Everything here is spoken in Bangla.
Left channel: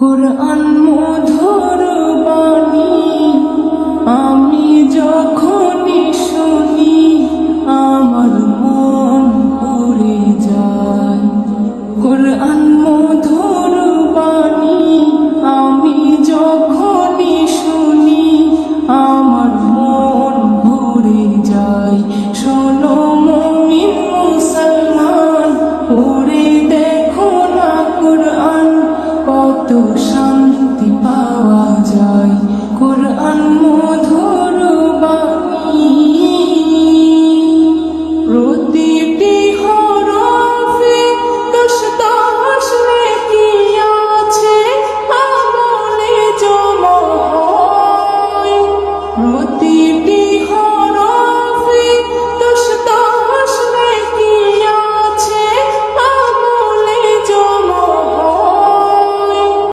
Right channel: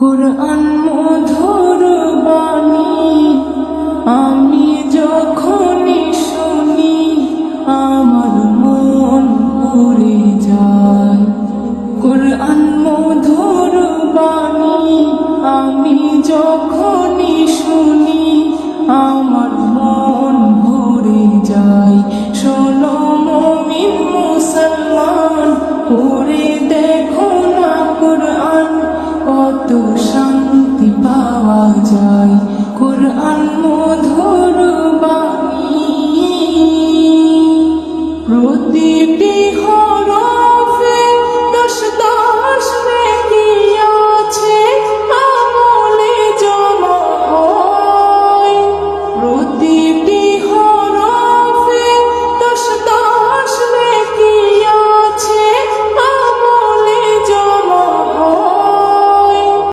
কুরআন মধুর বাণী আমি যখনই শুনি আমার মন ভরে যায়। কুরআন মধুর বাণী আমি যখনই শুনি আমার মন ভরে যায়। শোনো মুমিন মুসলমান, পড়ে দেখো না কুরআন, কত শান্তি পাওয়া যায়। কুরআন মধুর বাণী